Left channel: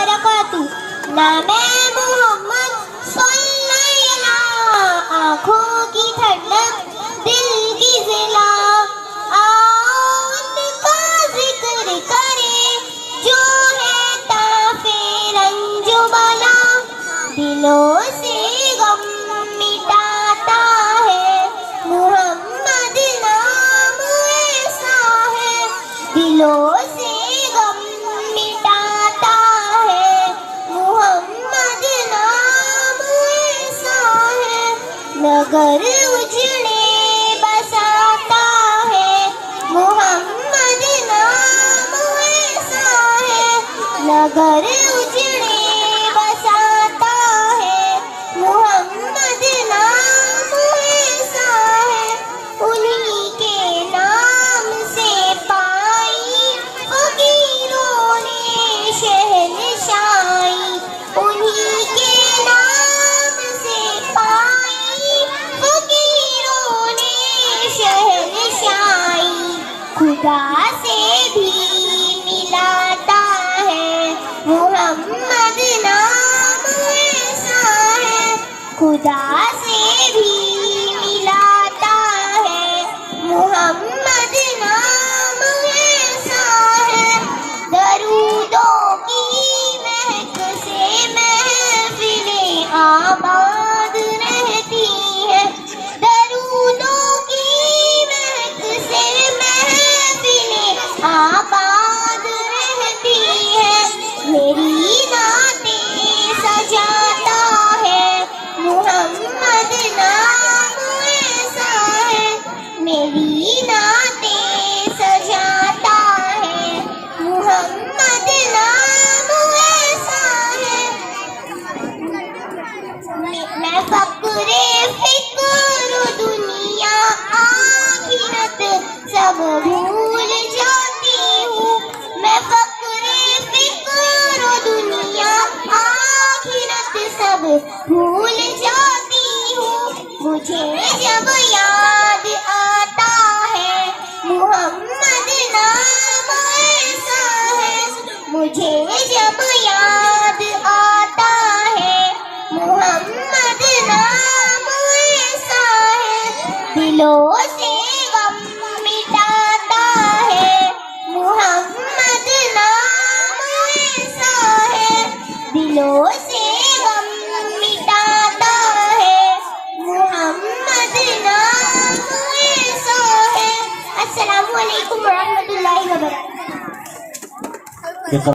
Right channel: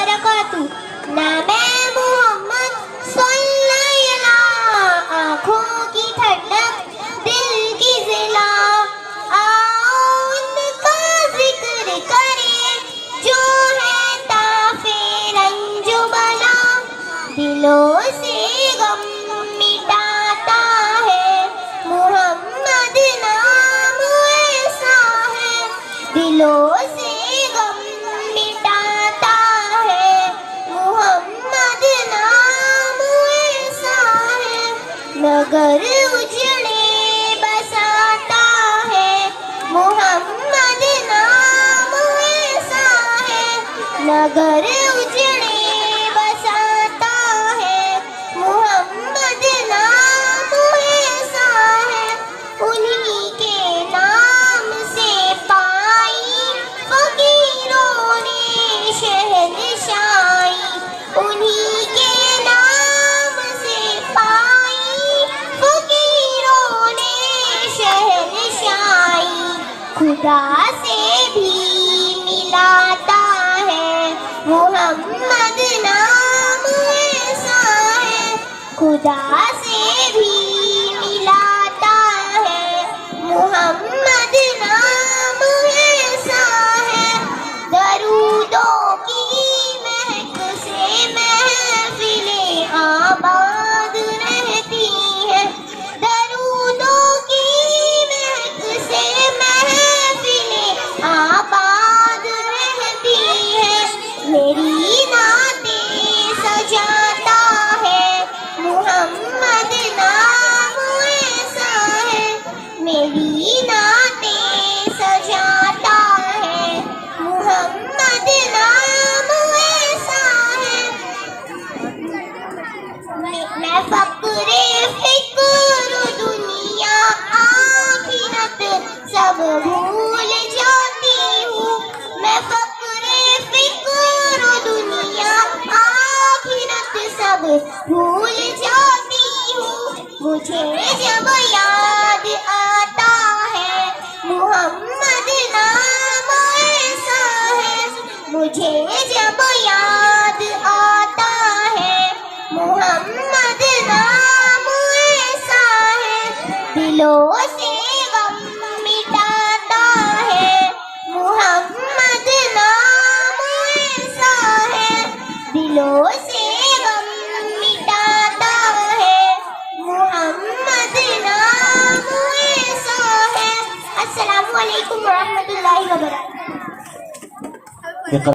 वबरकातुहू। नामे मोहम्मद सल्लल्लाहु, आँखों की ठंडक दिल की ज़िला। आओ उनका जिक्र करें जो है ताफ़े रंजो बला। दिलों से गम मिटाता है मुहम्मद नाम ऐसा है। दिलों से गम मिटाता है मुहम्मद नाम ऐसा है। नगर उजड़े बसाता है मुहम्मद नाम ऐसा है। नगर उजड़े बसाता है मुहम्मद नाम ऐसा है। उन्हीं के नाम से पाई फकीरों ने शहंशाही। उन्हीं के नाम से पाई फकीरों ने शहंशाही। खुदा से भी मिलाता है मुहम्मद नाम ऐसा है। खुदा से भी मिलाता है मुहम्मद नाम ऐसा है। दरूदों की महक से महफिलें आबाद रहती हैं। दरूदों की महक से महफिलें आबाद रहती हैं। मेरी नातें सजाता है मुहम्मद नाम ऐसा है। मेरी नातें सजाता है मुहम्मद नाम ऐसा है। मैं फक्रे फिक्र दुनिया आखिरत सब भूल जाती हूँ। मैं फक्रे फिक्र दुनिया आखिरत सब भूल जाती हूँ। मुझे जब याद आता है मुहम्मद नाम ऐसा है। मुझे जब याद आता है मुहम्मद नाम ऐसा है। दिलों से गम मिटाता है मुहम्मद नाम ऐसा है। दिलों से गम मिटाता है मुहम्मद नाम ऐसा है। अस्सलामु अलैकुम व रहमतुल्लाहि व बरकातुहू।